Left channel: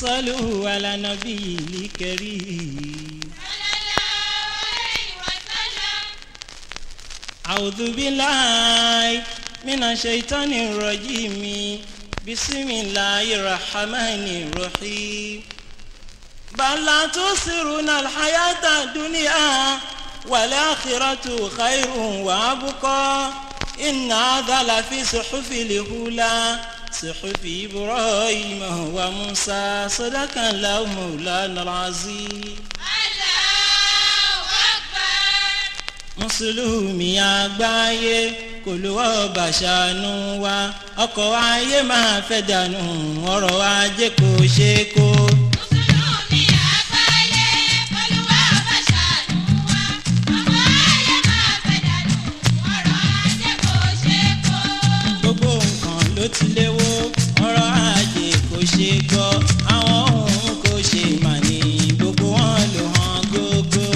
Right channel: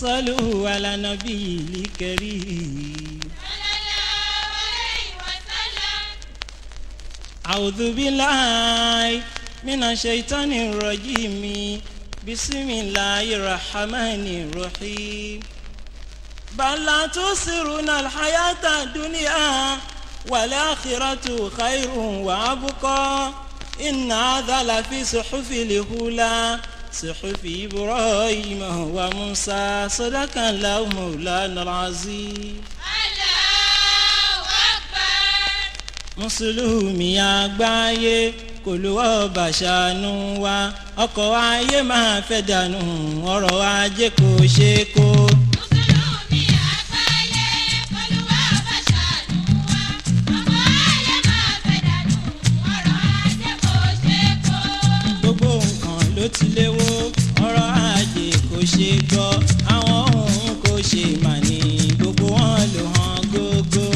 صلوا على نبي الكريم أعوذ بالله من الشيطان الرجيم بسم الله الرحمن الرحيم بل لا تؤثرون الحياة الدنيا والآخرة خير وأبقى إن هذا لفي صحف الأولى صحف إبراهيم وموسى صدق الله مولانا العظيم. Mùsùlùmí àgbáyé kò ló ọba ṣàánú wa ọkọ̀ ayé máa fẹ́ dànù ọrọ̀ ajé kò ṣe kó. Mùsùlùmí àgbáyé kò ló ọba ṣàánú wa ọkọ̀ ayé máa fẹ́ dànù ọrọ̀ ajé kò ṣe kó. Gbogbo nǹkan ló ti léwó ọrọ̀ ajé kò ṣe gbọ́ àwọn ohun kò ṣe mà ní gbogbo wọn ló hàn gógó.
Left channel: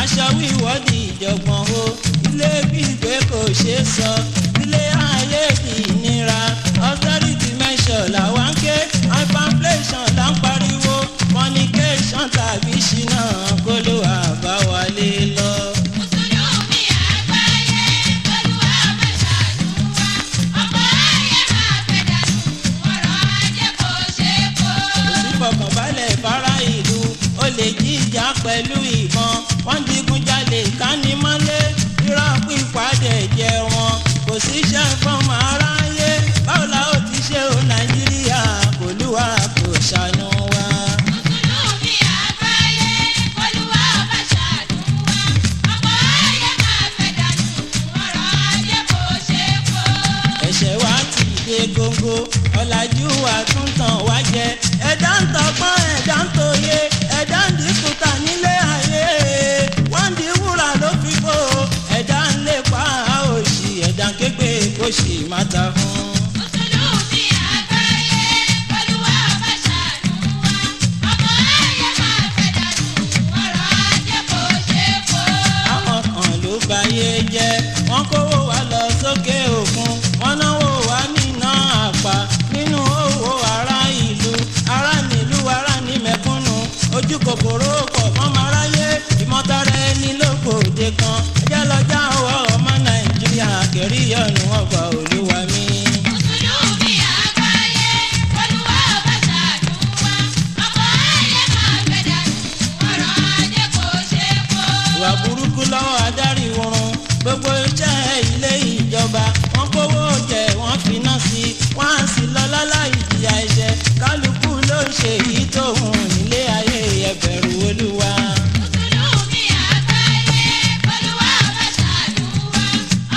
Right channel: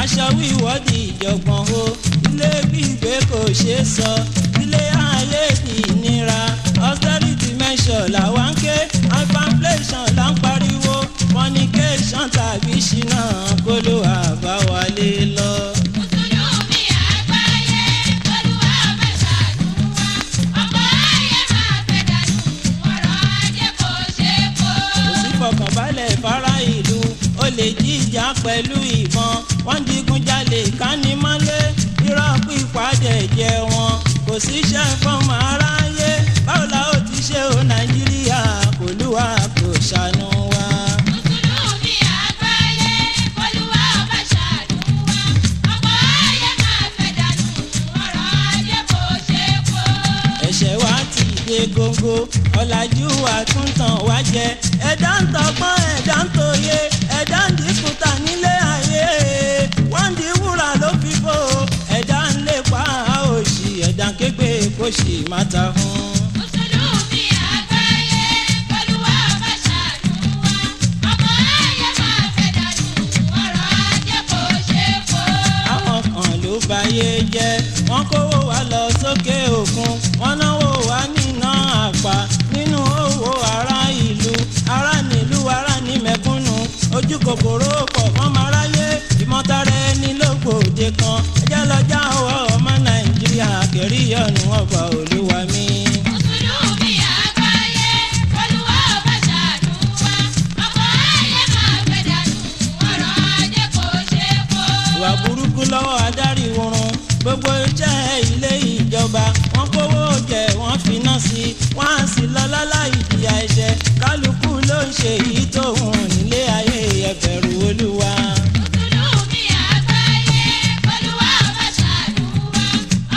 Aṣọ wíwọ́dì ìjọ̀gbọ̀n o ilé gbígbé kò ṣe é sọ ilé ayé di ìnira austerity measure làwa ń ké hyperinflation là ń pariwo fornication tàbí ṣìnà kó ló àbáwálé lọ. Mùsùlùmí àgbáyé Olúwa máa ṣàánú wa ọkọ̀ ayé máa fẹ́ dànù ọrọ̀ ajé kò ṣe kó. Kò sí fọkànbalẹ̀ fara ìlú ó lè jíjà pẹ̀lú ìbọn wọ́n digunjalè kánimọ́lé irọ́ pípadà jẹ wọn kò síṣẹ́ fọ́mọ aráyé báwo la ó ti ṣe o Nàìjíríà kò lúwa kò ṣàánú wa. Mùsùlùmí àgbáyé Olúwa máa ṣàánú wa ọkọ̀ ayé máa fẹ́ dànù ọrọ̀ ajé kò ṣe kó. Ẹ̀ṣẹ̀ wa ti dé góńgó ọ̀làjú wa tún tàn wá jẹ ẹ̀dá ń tọgbọ́n ẹ̀dá ń tòye ẹ̀dá ń dínkù ta nílé ayé wọ́n di wúrà ló fi bò ẹ̀dá ń lépa òṣì ẹ̀dá ń kégbé kó sì má ta fún. Mùsùlùmí àgbáyé Olúwa máa ṣàánú wa ọkọ̀ ayé máa fẹ́ dànù ọrọ̀ ajé kò ṣe kó. Àwọn kan ló bayé jẹ́ wọ́n kówó wa lọ sókè òkun wọ́n náwó wa níná àpá nínú owó ará ìlú ará nílùú ará ní mẹ̀kúnnù ojú kòkòrò pọ̀ fọ́mọ aráyé ìmọ̀tara ẹni lógbòde kan ẹjẹ́ lọ́jà ọwọ́ ọmọ Nàìjíríà kẹrí ọ̀nù ọba Olúwa mi. Mùsùlùmí àgbáyé Olúwa máa ṣàánú wa ọkọ̀ ayé máa fẹ́ dànù ọrọ̀ ajé kò ṣe kó. Ìwà burúkú lọ́wọ́ adarí oorun gbogbo iṣẹ́ ilé ìjọba wọ́n kówó jẹ wọ́n finá sí wọ́n á sì lọ láláì jìyà ẹ̀ṣẹ̀ kálukú ló ń ṣe èyí tó hùn nílé ayé ẹ bẹ̀rù Olúwa. Mùsùlùmí àgbáyé Olúwa máa ṣàánú wa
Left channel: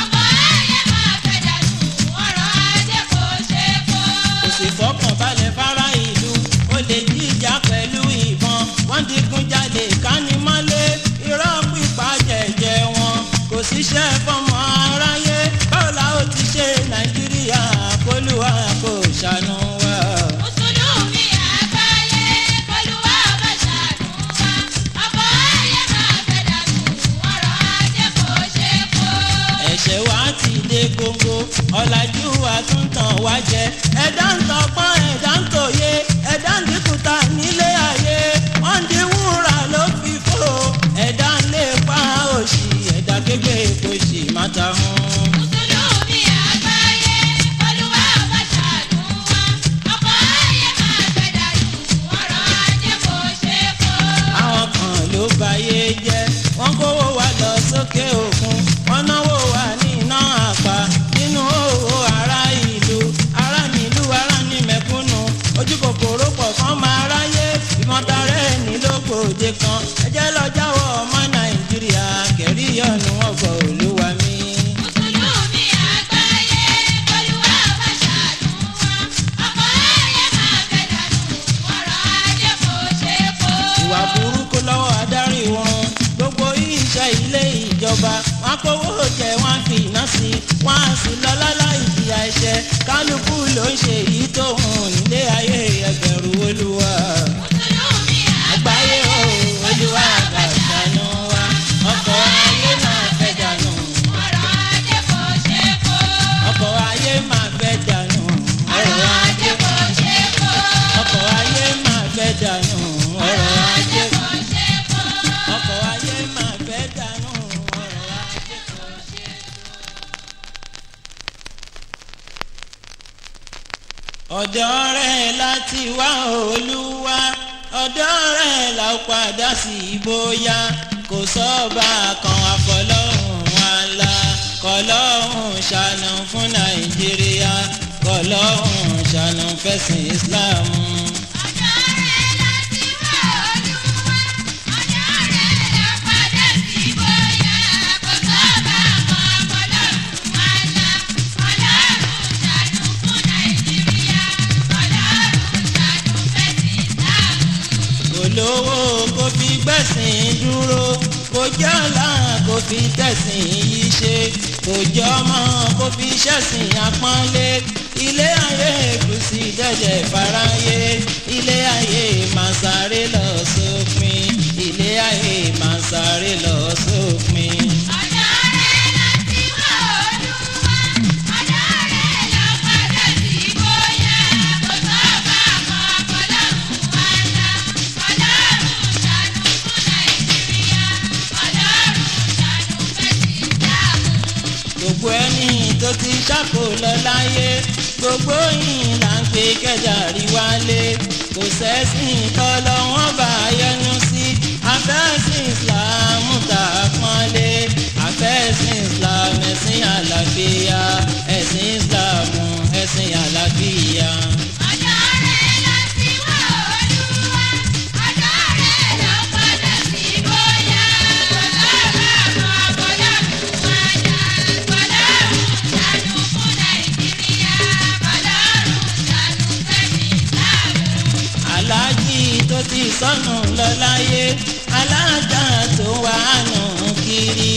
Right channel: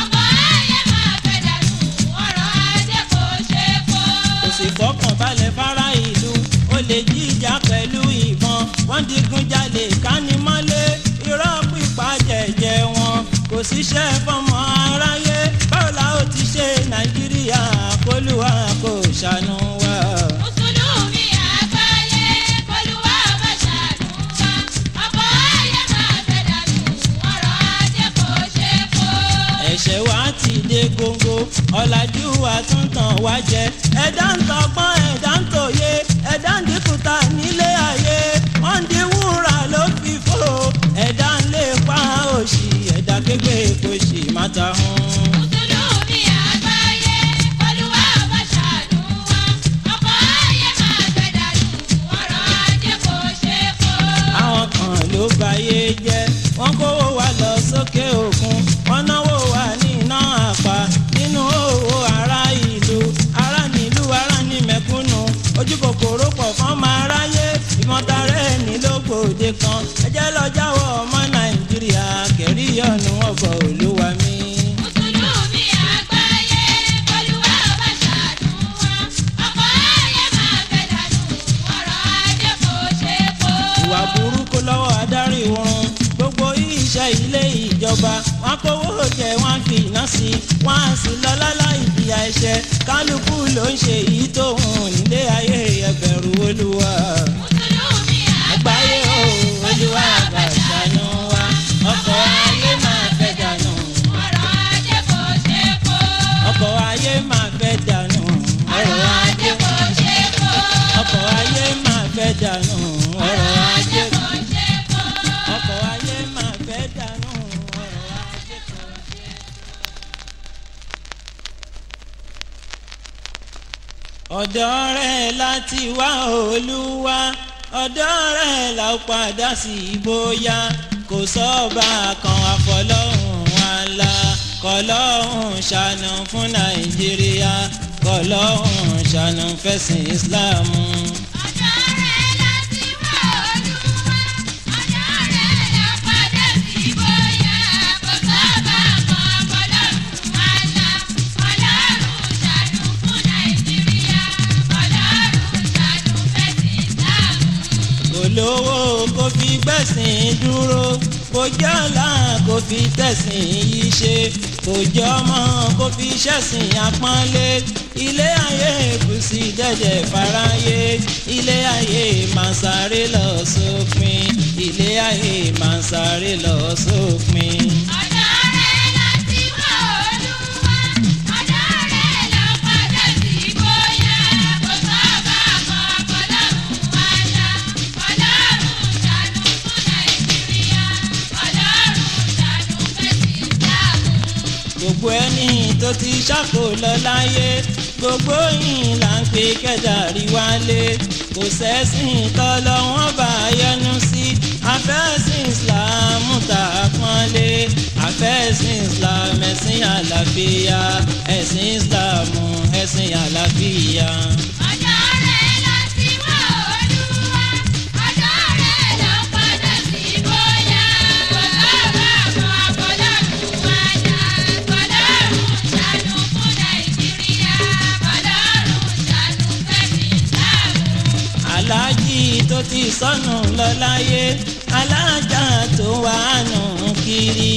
ọkọ̀ ayé máa fẹ́ dànù ọrọ̀ ajé kò ṣe kó. Kò sì fọkànbalẹ̀ fara ìlú ó lè jíjà pẹ̀lú ìbọn wọ́n digunjalè kánimọ́lé irọ́ pípa jẹ̀jẹ̀ wọn kò síṣẹ́ fọ́mọ aráyé báwo la ó ti ṣe Nàìjíríà kólúwa kò ṣàánú wa. Mùsùlùmí àgbáyé Olúwa máa ṣàánú wa ọkọ̀ ayé máa fẹ́ dànù ọrọ̀ ajé kò ṣe kó. Ẹ̀ṣẹ̀ wa ti dé góńgó ọ̀làjú wa tún tàn wá jẹ ẹ̀dá ń tọgbọ́n ẹ̀dá ń tòye ẹ̀dá ń dínkùtà nílé ayé wọ́n di wúrà ló fi fò ẹ̀dá ń lépa òṣì ẹ̀dá kégbé kò sì má ta hún. Mùsùlùmí àgbáyé Olúwa máa ṣàánú wa ọkọ̀ ayé máa fẹ́ dànù ọrọ̀ ajé kò ṣe kó. Àwọn kan ló bayé jẹ́ wọ́n kówó wa lọ sókè òkun wọ́n náwó wa níná àpá nínú owó ará ìlú ará nílùú ará ní mẹ̀kúnnù ojú kòkòrò pọ̀ fọ́mọ aráyé ìmọ̀tara ẹni lógbòde kan ẹjẹ́ lọ jáwọ́ ọmọ Nàìjíríà kẹrí ìjọba wọn kówó jẹ wọn fi iná sí wọn á sì lọ láláì ìjìyà ẹ̀ṣẹ̀ kálukú ló ń ṣe èyí tó hùn nílé ayé ẹbẹ̀rù olúwa. mùsùlùmí àgbáyé o olúwa bá ṣàánú wa ọkọ̀ ayé máa fẹ́ dànù. ọ̀rọ̀ ajé kò ṣe kó. ọkọ̀ ayé máa fẹ́ dànù. ọ̀rọ̀ ajé kò ṣe kó. ọkọ̀ ayé máa fẹ́ dànù. ọ̀rọ̀ ajé kò ṣe kó. ọkọ̀ ayé máa fẹ́ dànù. ọ̀rọ̀ ajé kò ṣe kó. ọ̀dọ̀ rẹ̀ láti wá olúwa ọ̀dọ̀ rẹ̀ la ó padà sí bóyá kò sọ́ba kan àfọlọ́hún àlá kọlọ́hún ṣàánú fún nàìjíríà kọlọ́hún ṣàánú fẹ̀sìn ìsìláàmù. ọ̀dọ̀ rẹ̀ láti wá olúwa ọ̀dọ̀ rẹ̀ la padà sí bóyá kò sọ́ba kan ọlọ́run àlá ọlọ́run ṣàánú fún nàìjíríà ọlọ́run ṣàánú fẹ̀sìn ìsìláàmù. kò lówó kó fi gbẹ̀sìn dúró kò jẹ́ ọ̀la kó fi tẹ̀sìn yìí ṣe kò jẹ́ ọmọ kó fi ṣẹ̀sìn àpọ́nlé ilé ayé kùsì dẹ̀dẹ̀ fáráyé ilé ayé máa sáré lọ sópin ilé ayé máa sáré lọ sópin. ọ̀dọ̀ rẹ̀ láti wá olúwa ọ̀dọ̀ rẹ̀ la padà sí bóyá kò sọ́ba kan ọlọ́run àlá ọlọ́run ṣàánú fún nàìjíríà ọlọ́run ṣàánú fẹ̀sìn ìsìláàmù. gbogbo ẹni tó ti ṣàkó lọ láyé gbogbo yìí là ń pe kẹjàrí wálé kò sẹ́sìn tọ́lọ́ wọn bá yẹnu sí afẹ́sìn islam tá a pọ́nlé afẹ́sìn islam ẹ̀sìn àlàáfíà ẹ̀sìn islam ẹ̀sìn àlàáfíà. ọ̀dọ̀ rẹ̀ láti wá olúwa ọ̀dọ̀ rẹ̀ la padà sí bóyá kò sọ́ba kan ọlọ́run àlá ọlọ́run ṣàánú fún nàìjíríà ọlọ́run ṣàánú fẹ̀sìn ìsìláàmù. aláàjì tó ti sọnù lọ láyé alájà tó wà nù kiri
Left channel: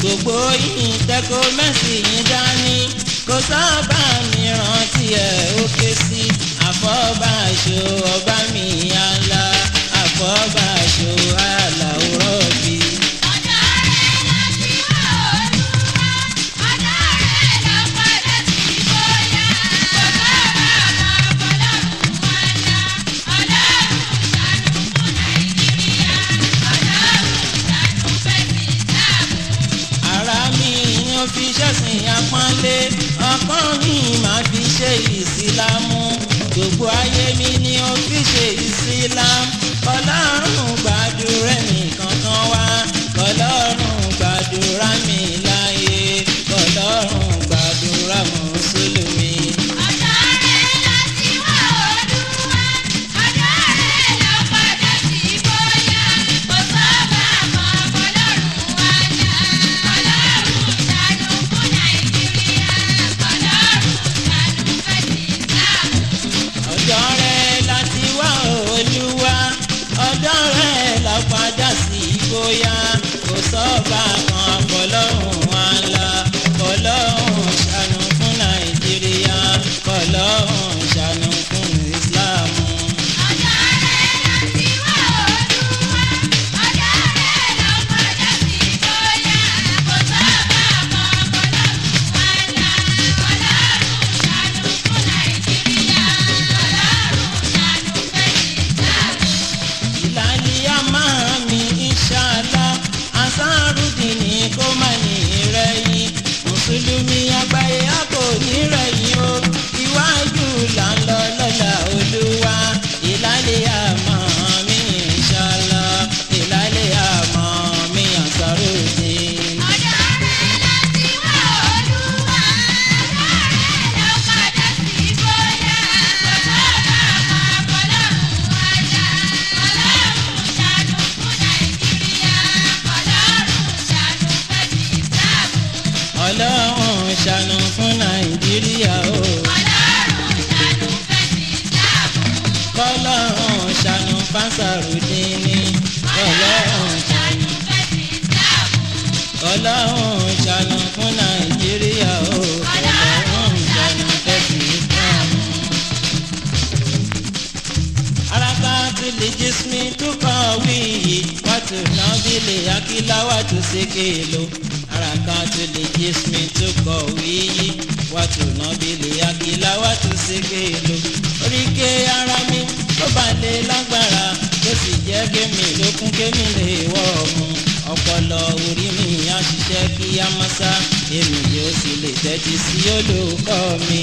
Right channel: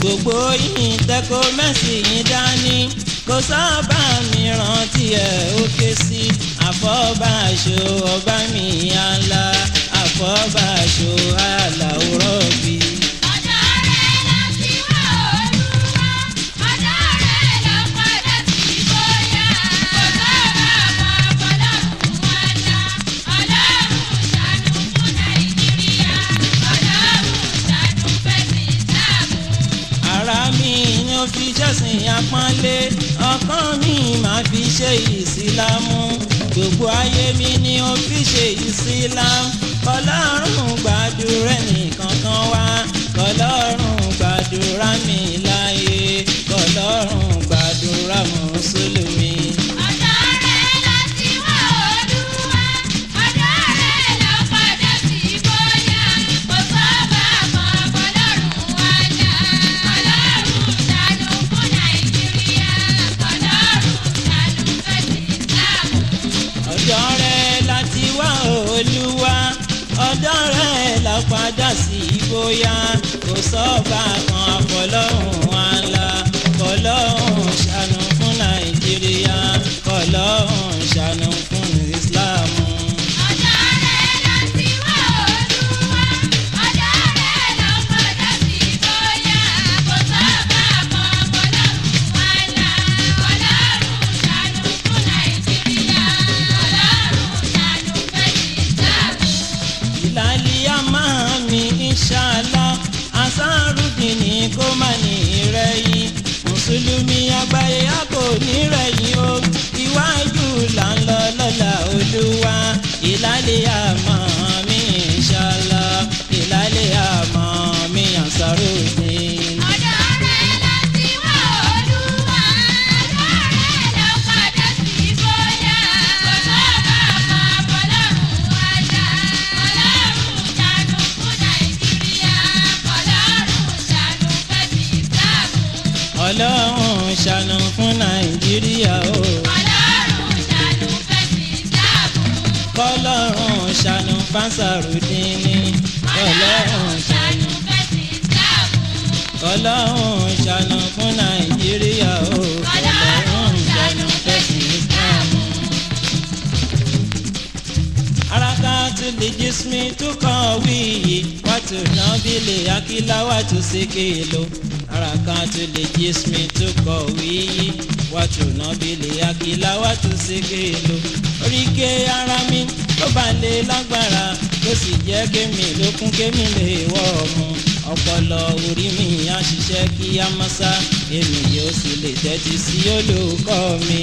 gbogbo yìí tẹkọ mẹsì yìí dání kò sábà mìíràn tí ẹ ó ké sí àfọbàṣọ ọba mi àlà àfọbàṣọ àlàórọ bí. ọ̀dọ̀ rẹ̀ láti wá olúwa ọ̀dọ̀ rẹ̀ la padà sí bóyá kò sọ́ba kan ọlọ́run àlá ọlọ́run ṣàánú fún nàìjíríà ọlọ́run ṣàánú fẹ̀sìn ìsìláàmù. ara mi ni ó fi ṣẹ̀sìn àpọ́nlé ọkàn mi máa fi ṣe ìsìlámù gbogbo ayé mi ni ó fi ṣe ìsìlámù kọlọ́run gbàdúrà nìkan kan wá kọlọ́run gbàdúrà mi láyé kọlọ́run gbàdúrà mùsùlùmí. ọ̀dọ̀ rẹ̀ láti wá olúwa ọ̀dọ̀ rẹ̀ la padà sí bóyá kò sọ́ba kan ọlọ́run àlá ọlọ́run ṣàánú fún nàìjíríà ọlọ́run ṣàánú fẹ̀sìn ìsìláàmù. ọ̀dọ̀ rẹ̀ láti wá olúwa ọ̀dọ̀ rẹ̀ la padà sí bóyá kò sọ́ba kan àfọlọ́hún àlà kọlọ́hún ṣàánú fún nàìjíríà kọlọ́hún ṣàánú fún ìsìláàmù. ọ̀dọ̀ rẹ̀ láti wá olúwa ọ̀dọ̀ rẹ̀ la padà sí bóyá kò sọ́ba kan ọlọ́run àlá ọlọ́run ṣàánú fún nàìjíríà ọlọ́run ṣàánú fẹ̀sìn ìsìláàmù. ìlàlíyà máa mi ìṣàlá ansarudini kó má ní rẹ̀yìn mùsùlùmí àgbáyé a kò ní rẹ̀yìn o iwájú là ń lọ lọ́la olúwa ìlàlíyà máa mi ìṣàlá ìlàlíyà máa mi ansarudini. ọ̀dọ̀ rẹ̀ láti wá olúwa ọ̀dọ̀ rẹ̀ la padà sí bóyá kò sọ́ba kan ọlọ́run àlá ọlọ́run ṣàánú fún nàìjíríà ọlọ́run ṣàánú fẹ̀sìn ìsìláàmù. ọlọ́run ṣàánú fún nàìjíríà o ọlọ́run ṣàánú fẹ̀sìn ìsìláàmù. kọ́lọ́run ṣàánú fánsàrùdíní kọ́lọ́run ṣàánú ṣàánú fẹ̀sìn ìsìláàmù. kọ́lọ́hún ṣàánú fún Nàìjíríà o kọ́lọ́hún ṣàánú fẹ́sìn ìsìlámù. Harakatul jismi tuqawihi wa tunabili akila wa tusikilu. Harakatul jismi tuqawihi wa tunabili akila wa tusikilu. Oríkè ara mi tó bá lè lágbára tó sì jẹ́ kémi lókun kémi lè wọ́ ọmú. Ọpọlọ orí mi á ṣiṣẹ́ kí á máa sá èmi yóò sì lè tẹ́tí sí olùkọ́ mi.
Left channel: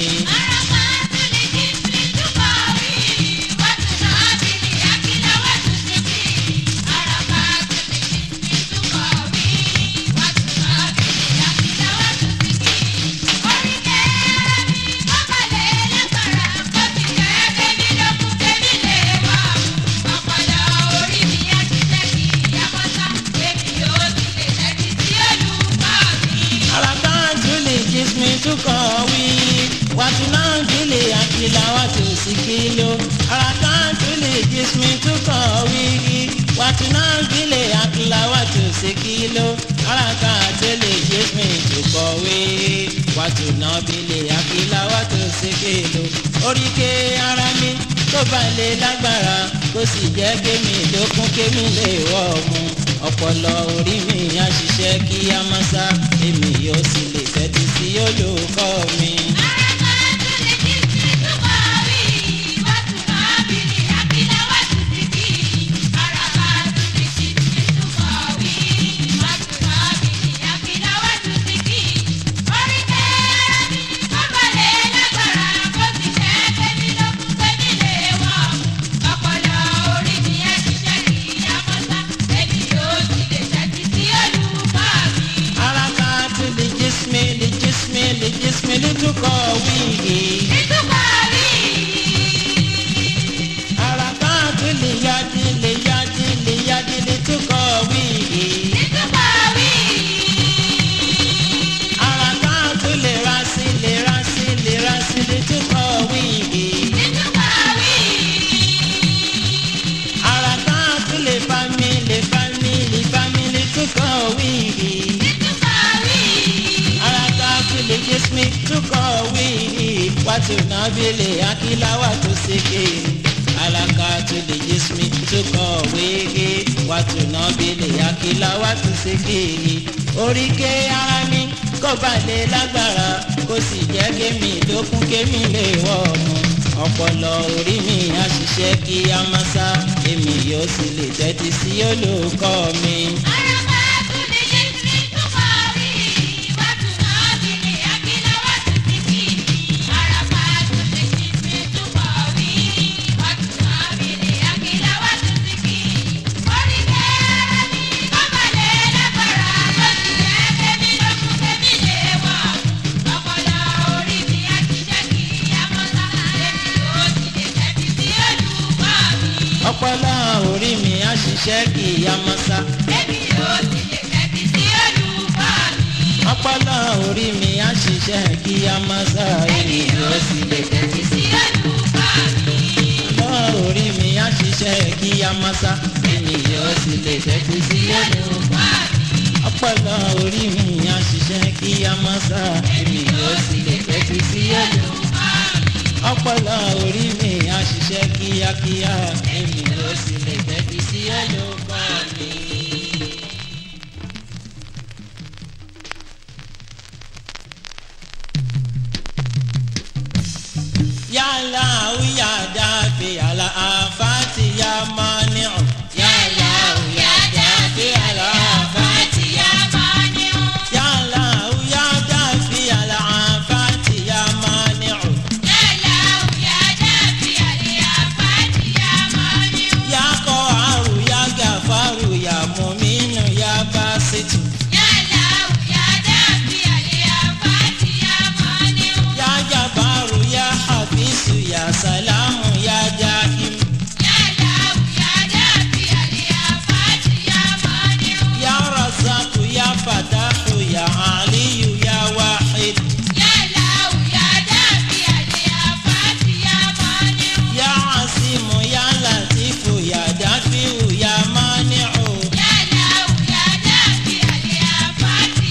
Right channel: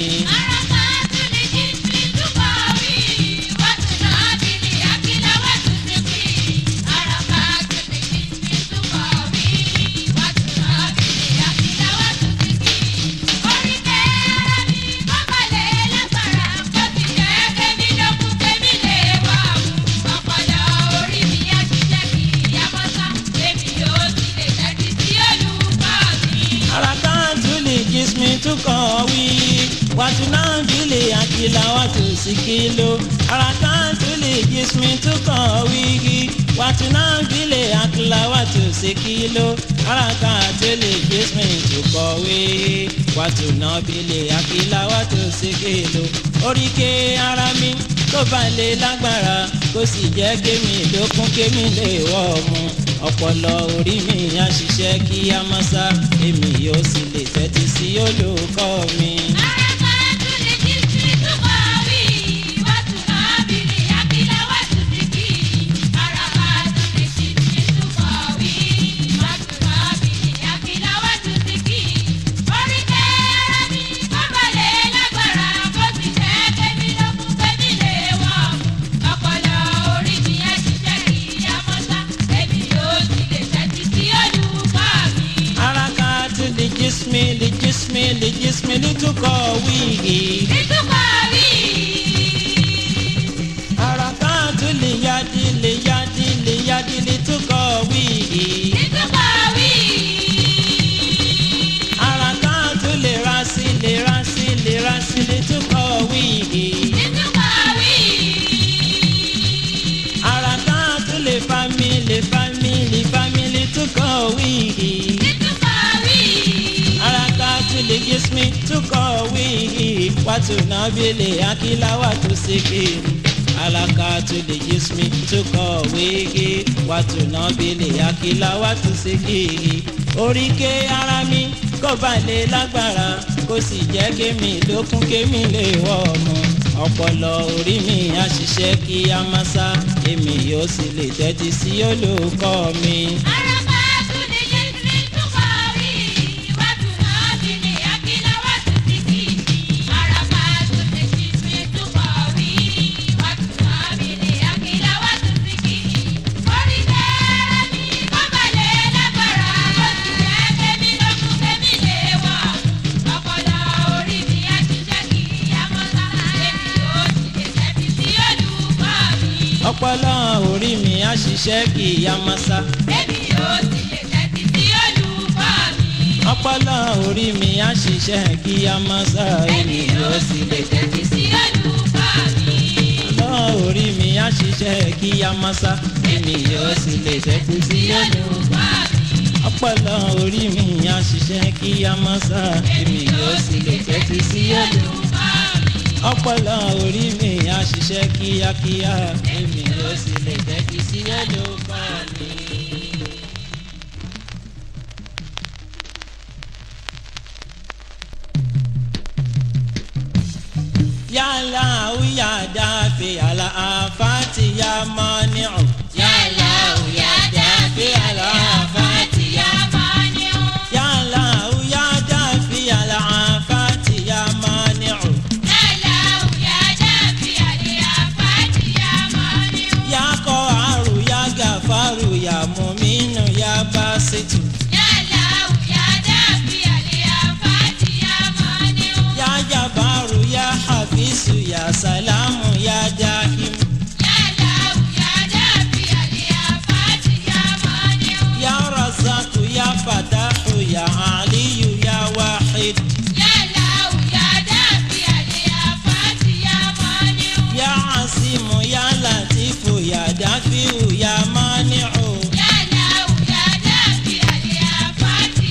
Tuqawi wa tunabili akila wa tusikilu. Harakatul jismi tuqawi wa tunabili akila wa tusikilu. Harakatul jismi tuqawi wa tunabili akila wa tusikilu. Oríkè ara mi tó bá lè lágbára kó sì jẹ́ kémi lókun kémi lè wọ́ ọmú. Ọpọlọ orí mi á ṣiṣẹ́ kí á máa sá èmi yóò sì lè tẹ́tí sí olùkọ́ mi. لجسم لتقاويه حركات اليد لتقاويه حركات الراس لتقاويه حركات الفم لتقاويه الجسم تقاويه وتنابلي akila wa tusikilu. Harakatul jismi tuqawihi wa tunabili akila wa tusikilu. Oríkè ara mi kó bá lè lágbára kó sì jẹ́ kémi lókun kémi lè wọ́ ọmú. Ọpọlọ orí mi á ṣiṣẹ́ kí á máa sá èmi yóò sì lè tẹ́tí sí olùkọ́ mi. Ọpọlọ orí mi á ṣiṣẹ́ kí á máa sá. Èmi yóò sì lè tẹ́tí sí olùkọ́ mi. Ọpọlọ orí mi á ṣiṣẹ́ kí á máa sá. Èmi yóò sì lè tẹ́tí sí olùkọ́ mi. Ọpọlọ orí mi á ṣiṣẹ́ kí á máa sá. Èmi yóò sì lè tẹ́tí sí olùkọ́ mi. Ọpọlọ orí mi á ṣiṣẹ́ kí á máa sá. Èmi yóò sì lè tẹ́tí sí olùkọ́ mi. Ọpọlọ orí mi á ṣiṣẹ́ kíákíá èmi yóò sì lè tẹ́tí sí olùkọ́ mi. Yálà òyà dáfẹ́ àlà àfáàtì yá máa ní ọ̀. Yálà òyà dáfẹ́ àlà àfáàtì yá máa ní ọ̀. Yálà òyà dáfẹ́ àlà àfáàtì yá máa ní ọ̀. Faru ya muminu ya basitu ya lau ya dafi aliyafati ya maniu ya jabaru ya hafisu ya salamu ya jahim ya lau ya dafi aliyafati ya maniu ya razaku ya fatahu ya aliyu ya wahid ya lau ya dafi aliyafati ya maniu ya asimu ya latifu ya dafiu ya maniu ya lau ya dafi aliyafati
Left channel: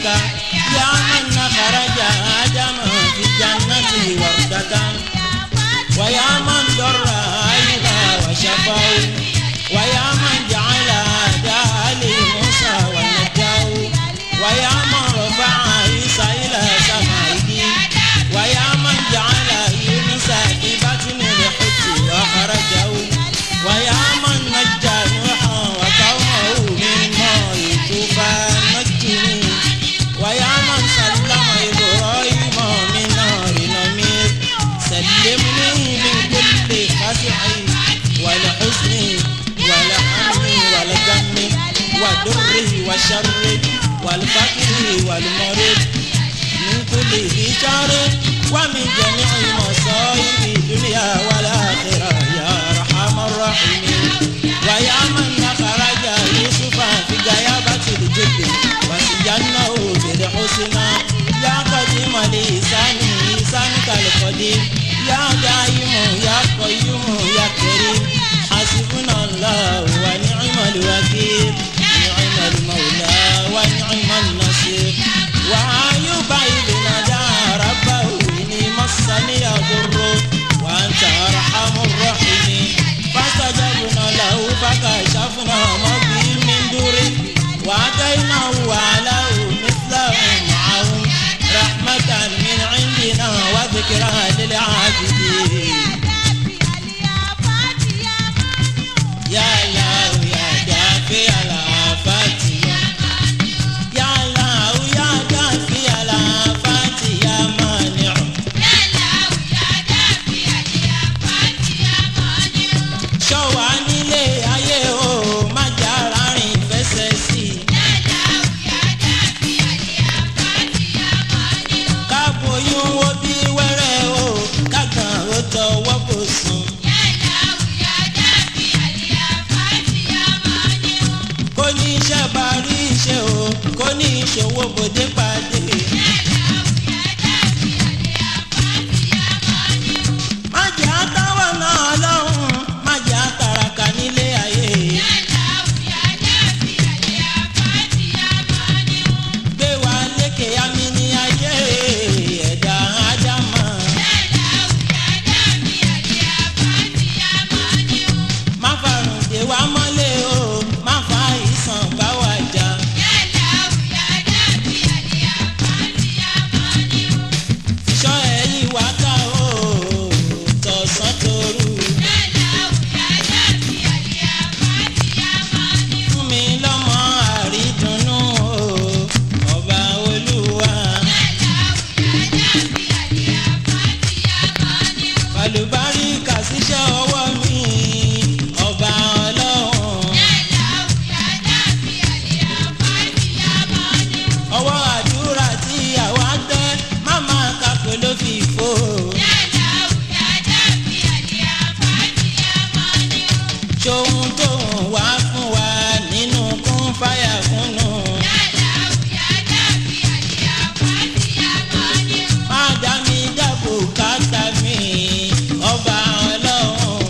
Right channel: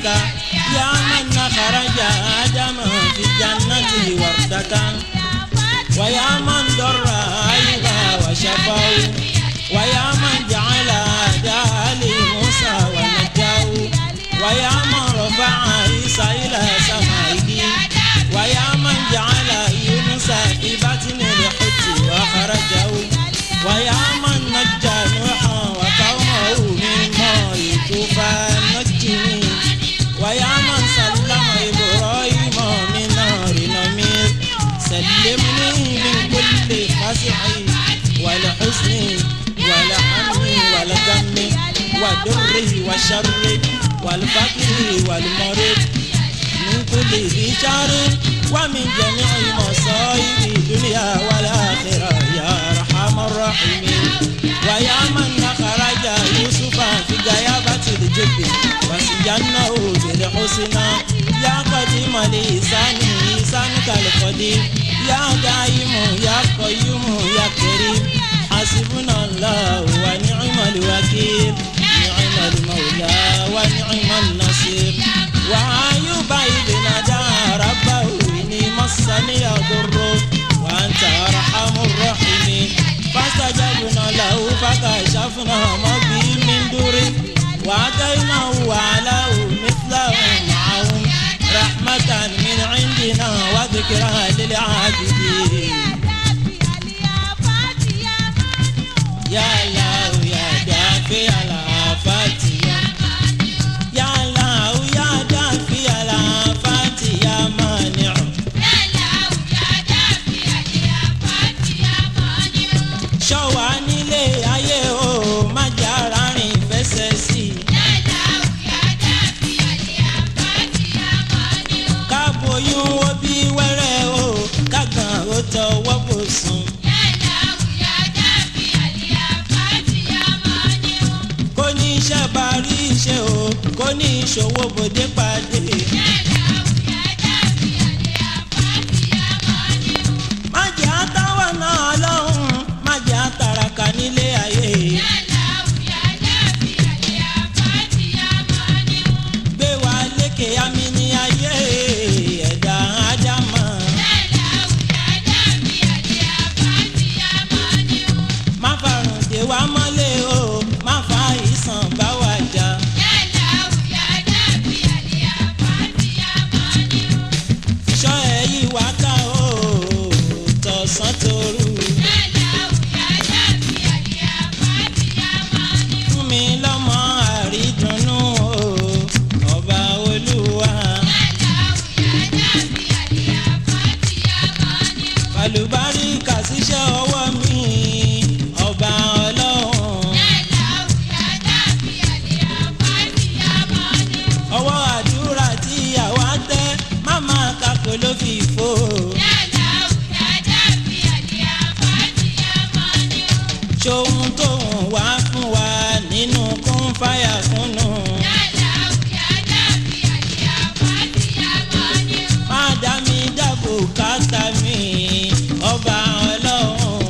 بك يا من خرج آدم في الجنة وردة ويا من ضر أيها وشفاه ويا من جعل أعداء لموسى ونجاه ويا من رفع عيسى إلى سمائه ويا من جعل يونس في بطن الحوت وخرجه ويا من نجى نوحا وقومه من ماء الطوفان نجني ويا من سلم إبراهيم من نار نمير سلمني من كل خشع والحزن والهم والغم ودره وشر والفقر والمرض من كل ذي شر ومن جميع مصائب الدنيا والآخرة يا أرحم الراحمين ويا من أخرج يوسف في غيابة الجب وسجنه بالحسنى يا قديم الإحسان إحسانك القديم يا دائم يا قيوم يا كريم حسبنا الله ونعم الوكيل نعم المولى ونعم النصير وأيوب إذ نادى ربه إني مسني الضر وأنت أرحم الراحمين فاستجبنا له فكشفنا ما به من ضر وآتيناه وعلاه مثله معهم رحمة من عندنا وذكرى للعابدين يا الله يا دافع الآفات يا الله يا دافع الآفات يا مانع ṣọ́ wa nílé ayé o má jẹ́ ara rìn fẹsẹ̀ sí i. ká boyún wo bí wẹ́rẹ́ o ká gan ó tọwọ́ bò sùn. kó ní iṣẹ́ bá rí iṣẹ́ o kó ní ìṣòwò bòde pàdé. má jẹ́ àtàwọn náà lọ́hùn má jẹ́ àtàràkà nílé ayé. gbé wa lékè àmì ní ayé ẹ̀dá ádámà. má farùn dè wá mọ́lẹ̀ o má fa ìsàn bá wa jà. ṣọ́ ẹ̀yìn wá ká o tọ̀sán tòru. fún mi lọ́mọ àrídùnnú o ọba olúwa. àlùbáríkà síṣẹ́ ọwọ́ mi ọba ọlọ́run. ọwọ́ àdúrà tí àwa tẹ́ má máa kakò ló fi fò. ṣohun tó ń wá fún wa nínú kún fáyà kúnnù. má dá mi dábò káta mi ọba ọlọ́run.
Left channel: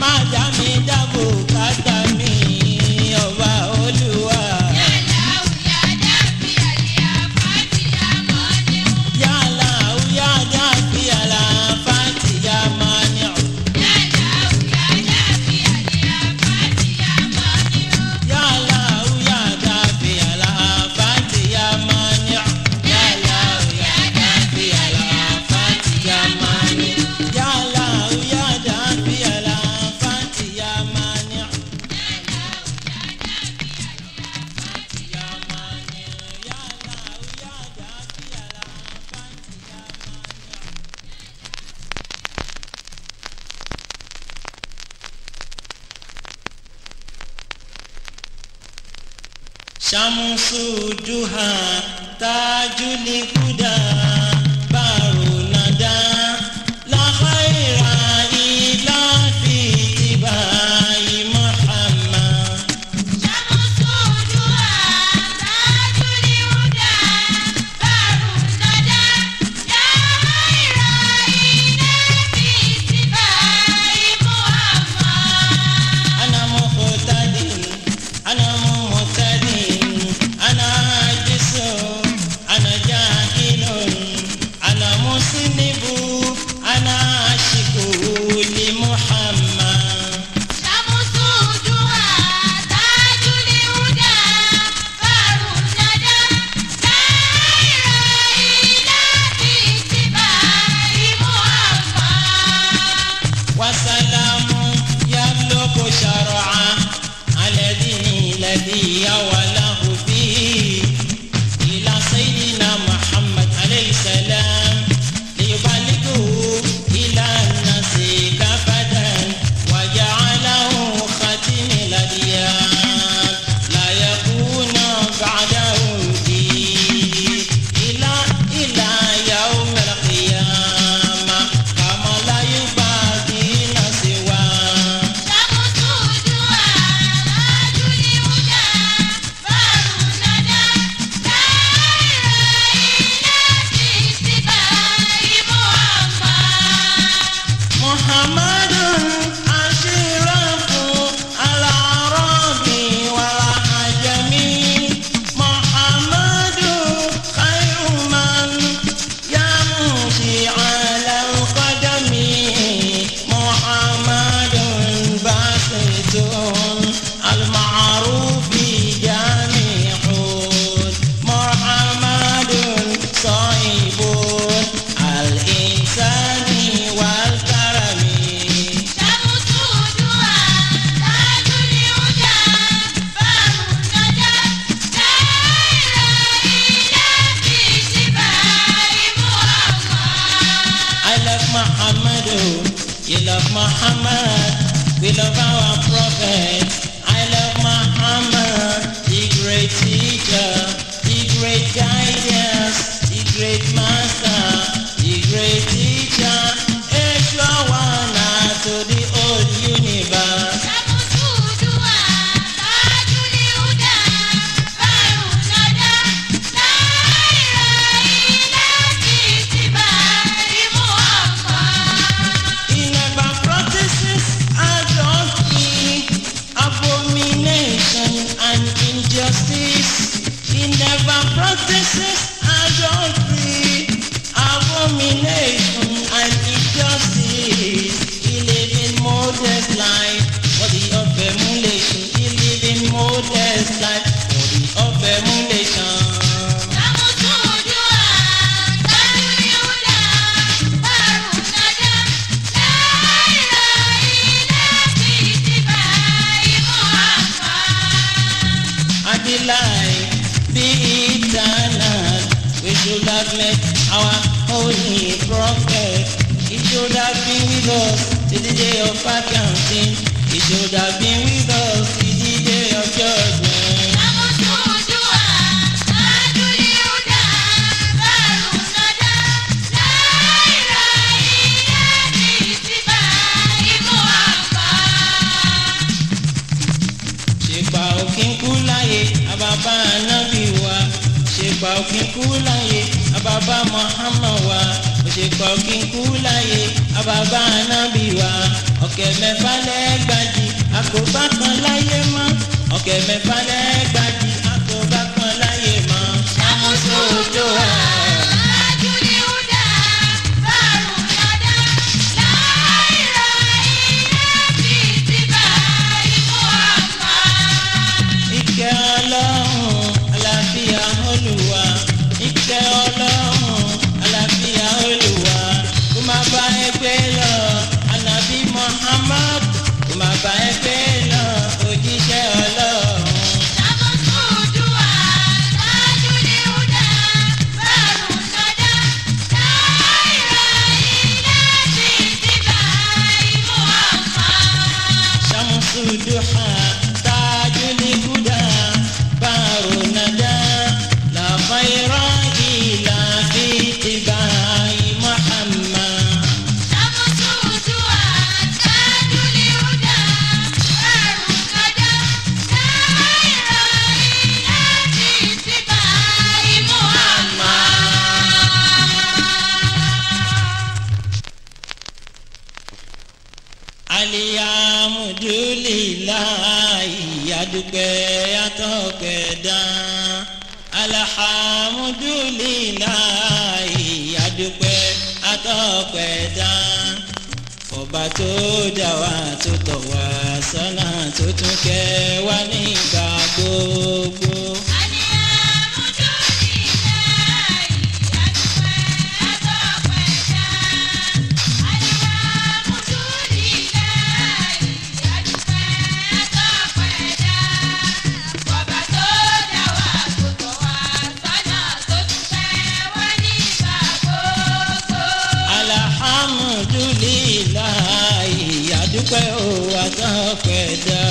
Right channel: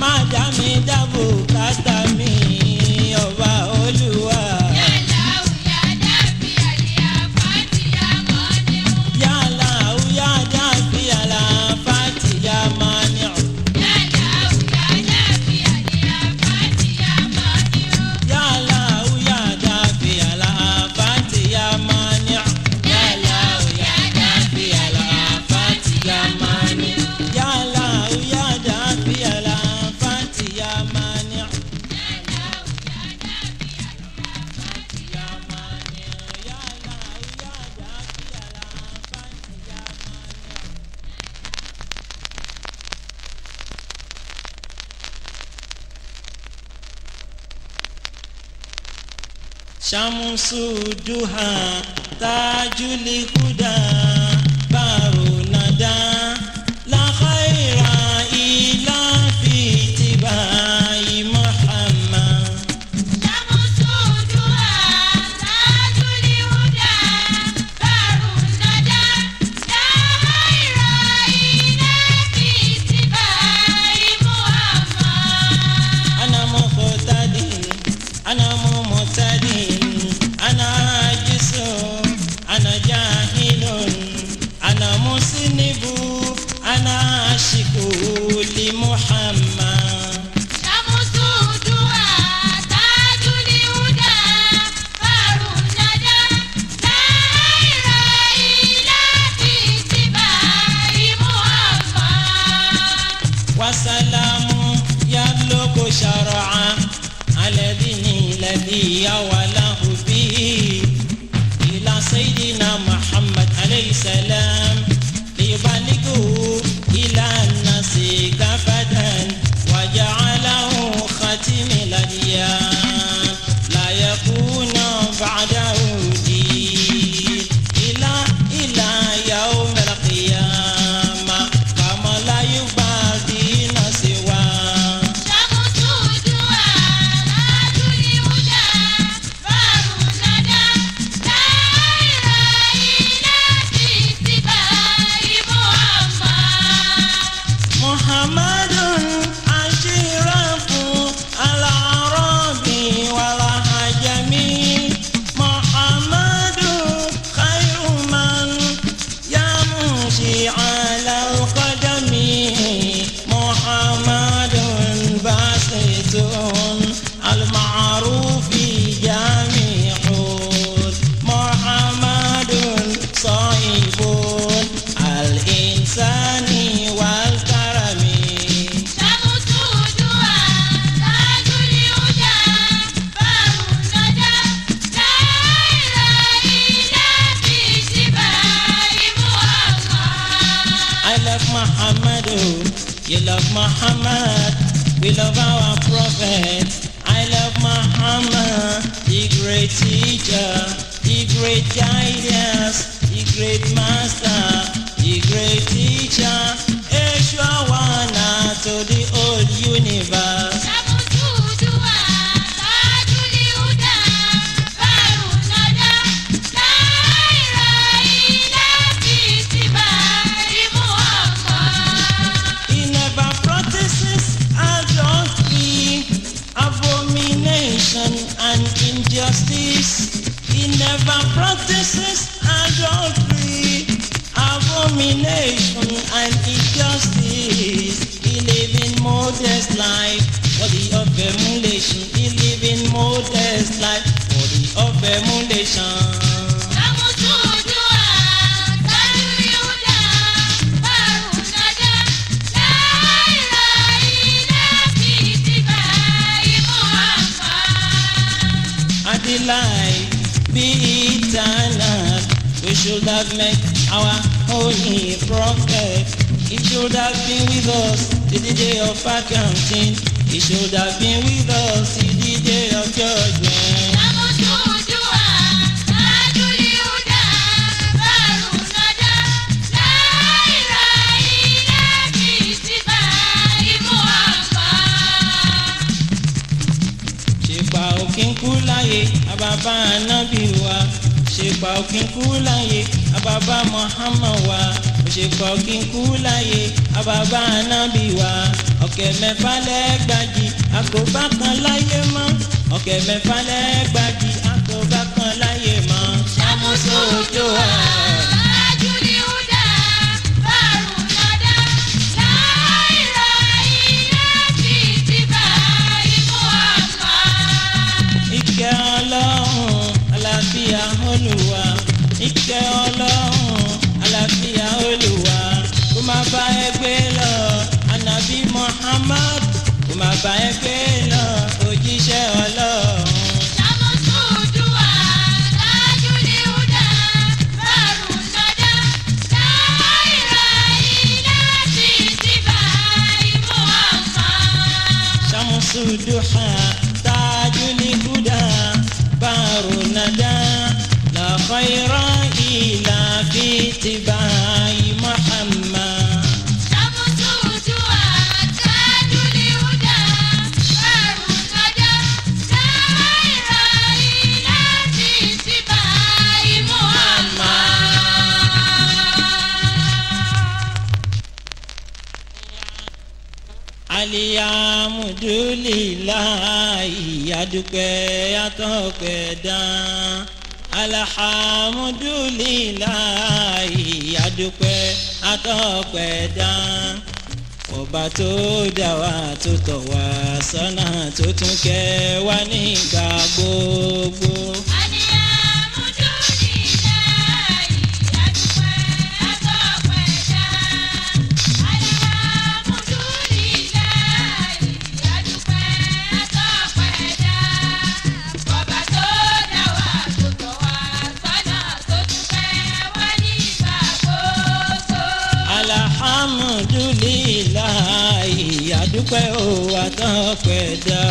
má dá mi dábò káta mi ọba olúwa. Ya Allah ya Dafi al-Afati ya Mani'u. Ya Allah ya Dafi al-Afati ya Mani'u. Ya Allah ya Dafi al-Afati ya Mani'u. Ya Allah ya Dafi al-Afati ya Mani'u. Ya Mani'u ya Allah ya Dafi al-Afati ya Mani'u. Shamsu duha tajul huda baru nada la khaira illa fi tibai Muhammad. Ana muqtadin ana الذي أوله به إلى سيدنا محمد عليه السلام ليبلغه إلى الناس كافة وجعله خاتم الأديان لا يكون بعده دين إلى يوم القيامة كما لا يبادين سواه. شمس الدعاء تاج الهدى بار الندى دائر إلى في سباع محمد أشرف العرب والعجم محمد خير من يمشي على القدم محمد باسط المعروف جامع محمد صاحب الإنسان والكرم. شمس الدعاء تاج الهدى بار الندى دائر إلى في سباع I love Muhammad, oh, you love Muhammad, we love our prophet. I love Muhammad, the great teacher, the great guidance, the great master, the great teacher, extra one to the whole universe. شمس الدعاء تاج الهدى بار الندى دائر إلى في سباع He never practices adultery, abomination and injustice. He never practices adultery, abomination and injustice. He lives in modest life for the of emulation. He lives in modest life for the of emulation. شمس الدعاء تاج الهدى بار الندى دائر إلى في سباع And the life be eternal. We should have met our holy prophet. He should have been with us till the day of accounting. He should have been with us till the day of judgment. شمس الدعاء تاج الهدى بار الندى دائر إلى في سباع Ṣèpà òkín kú láyé àbàbà ànábì wa. Ṣèpà òkín kú láyé àbàbà Muhammad wa. Ṣèpà òkín kú láyé àbàbà ànábì wa. Ọ̀kẹ́ mẹ́fà lẹ́gbàjì àkóbá kan láyé mọ́. Ọ̀kẹ́ mẹ́fà lẹ́gbàjì àkóbá kan láyé mọ́. شمس الدعاء تاج الهدى بار الندى دائر إلى في سباع Ìkẹ́ Ọlọ́run àlàáfíà Olúwa. Ìkẹ́ Ọlọ́run àlàáfíà Olúwa. Kó máa bá ẹ gbé lọ ànábì Muhammad. Kó máa bá ẹ gbé lọ òjíṣẹ́ Ọlọ́run. شمس الدعاء تاج الهدى بار الندى دائر إلى في سباع Ṣàmùsù dùhà tájúlì húdà bàrù nàdà la khayra illa fi ittiba'i Muhammad. شمس الدعاء تاج الهدى بار الندى دائر إلى في سباع Alihamudulilayi adúpẹ́ atọ́pẹ́ dán. Alhamdulilayi adúpẹ́ atọ́pẹ́ dán. Ọba tó dá wa tó tọ́ wa sọ́nà tó tún kẹ́ wa nígbà gbogbo. dúpẹ́ o àtọ́pẹ́ dá.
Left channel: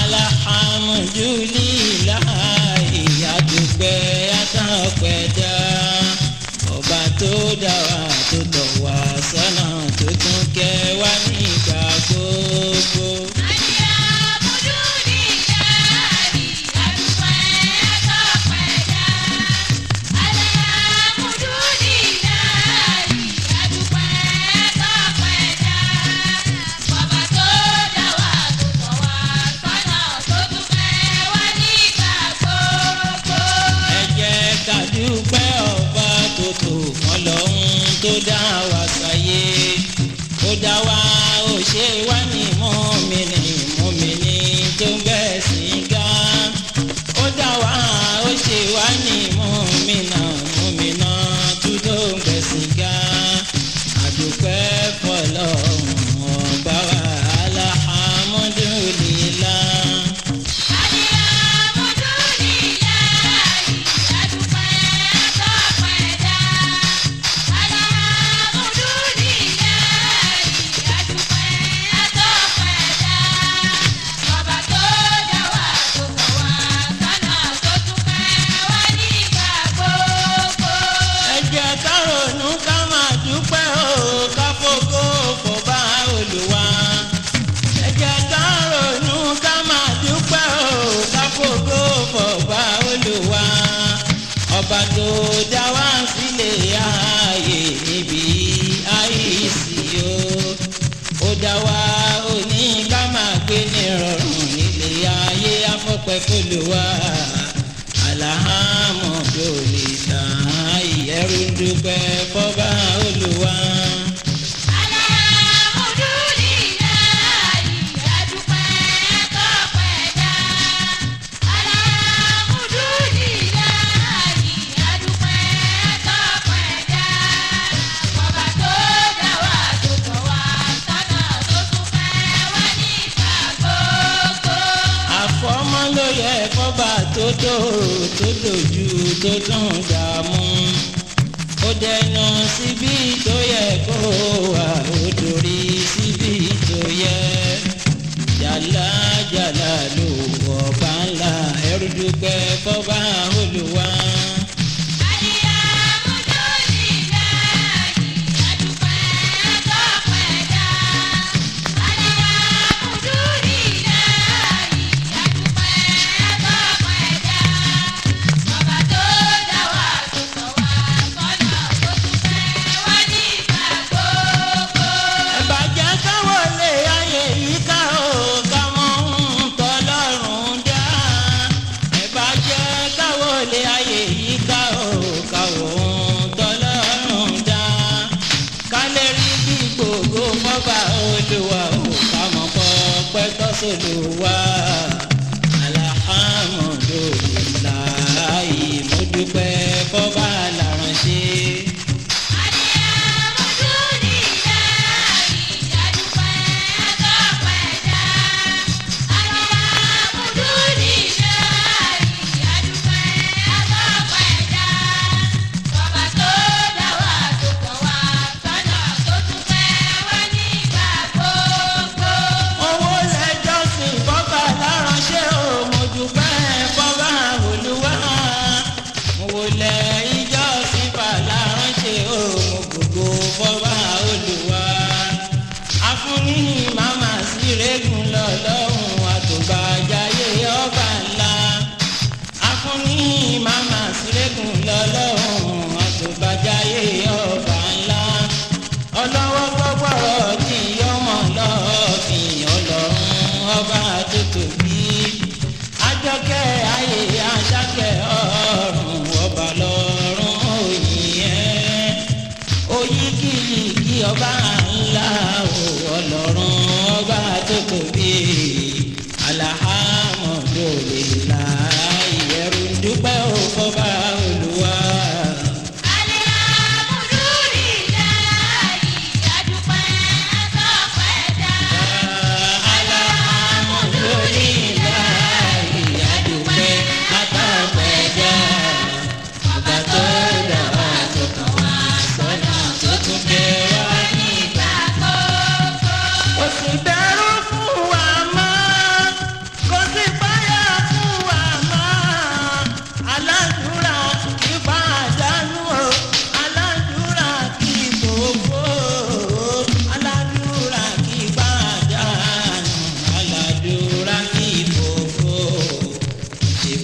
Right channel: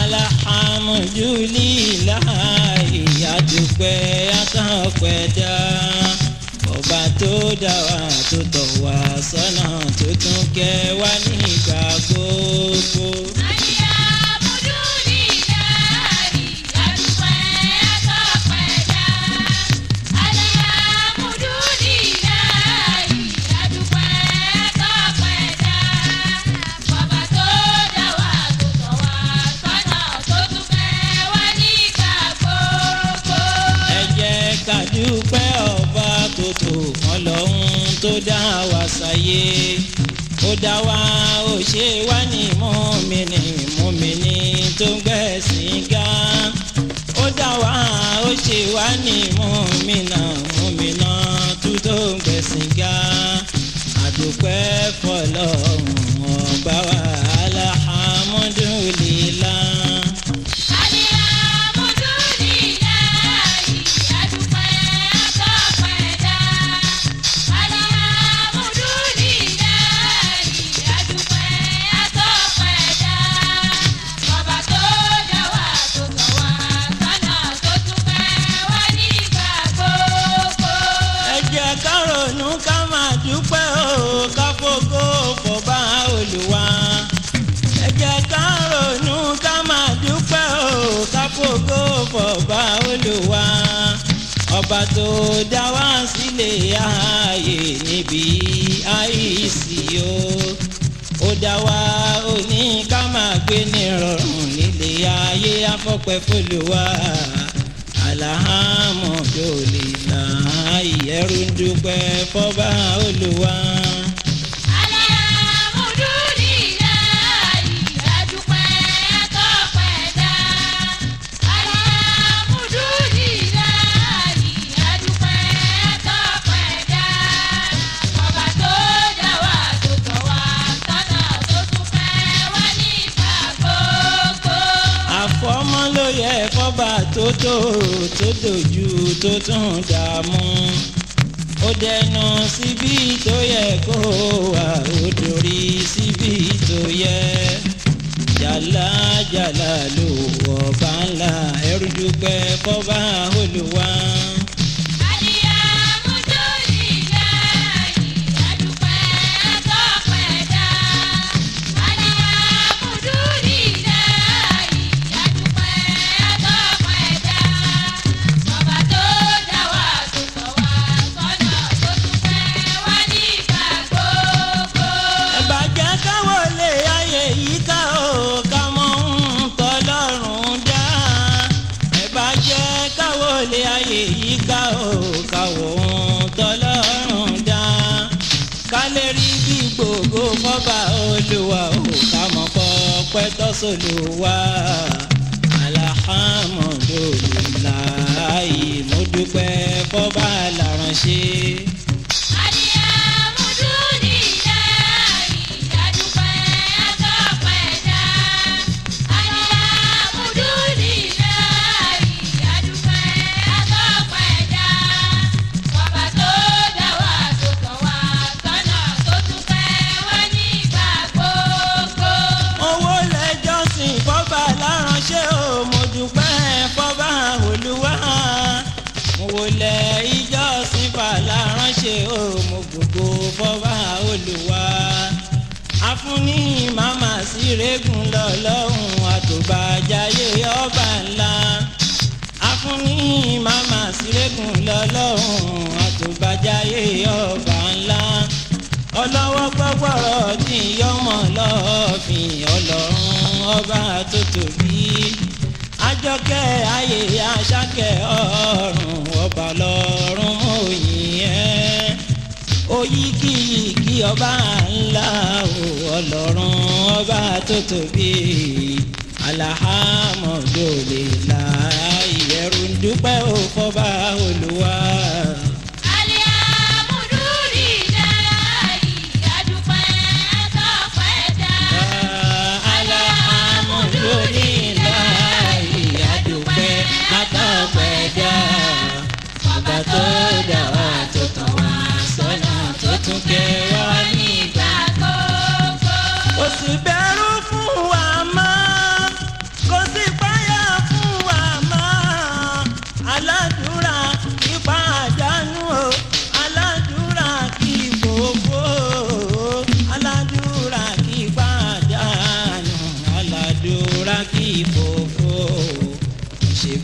Alhamdulillahi àdúpẹ́ àtọ́pẹ́ dá. Ọba tó dá wa tó tọ́ wa sọ́nà tó tún kẹ́ wa nígbà gbogbo. Dúpẹ́ ọba tó tó Ọlọ́run tó dá wa sáyé. Ó dá wa ó ṣe wá ní mùmínì tó gbẹ̀sìn ga. Ó dá wa ó ṣe wá ní mùmínà tó gbẹ̀sìn ga. Àdúpẹ́ fọ́lọ́run ọba wa alhamdulillah. Fọba Olúwa ọba tó dá wa sílé ayé níbi àìsí o. Ó dá wa ó ní ká máa gbé ní rọrùn nílé ayé afọ́pẹ́ f'Olúwa. Alhamdulillah ẹrú ń dúpẹ́ fọba Olúwa. Fọba tó dojú tó tún dààmú. Ó dẹnu síbi tó yẹ kó wà ó dorí síbi tó yẹ. Jàlá ló ọba ńlá ẹrú dúpẹ́ fọba Olúwa. Fọba Olúwa ò ká mọ̀ pọ́pẹ́ tọ́sọ̀lùwà. Alhamdulillah mo dúpẹ́ fọba láránṣẹ́. Ìjọsìn fàlà ránṣẹ́ òmò gbogbo fọba Olúwa. Afúnni màmá sí rẹ́gùn lọ́lọ́run àtòbàjáyé ọba ńlá. Afúnni màmá sí rẹ́gùn lọ́lọ́run àtòbàjáyé ọba ńlá. Ọlọ́wọ́ gbọ́gbọ́rọ̀ tí yọmọ lọ́ọ̀fìn Ọlọ́run ọba tó tóbi. Àjọkẹ́ ayé Àṣàkẹ́ ọ̀run ọba lọ́run òyìn ẹ́. Oyíkìyíkì ọba ńlá o Ọlọ́run ọba tó tóbi. Alhamdulillah ẹrú ń dúpẹ́ o fọba Olúwa. Tó dá wa tó kàn wá sọ́nà tó tún kẹ́ wa nígbà gbogbo. Ó sì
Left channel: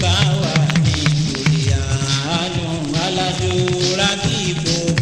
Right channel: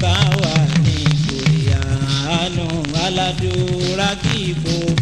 ká wà ní kòríyànù aládùúrà kíbo.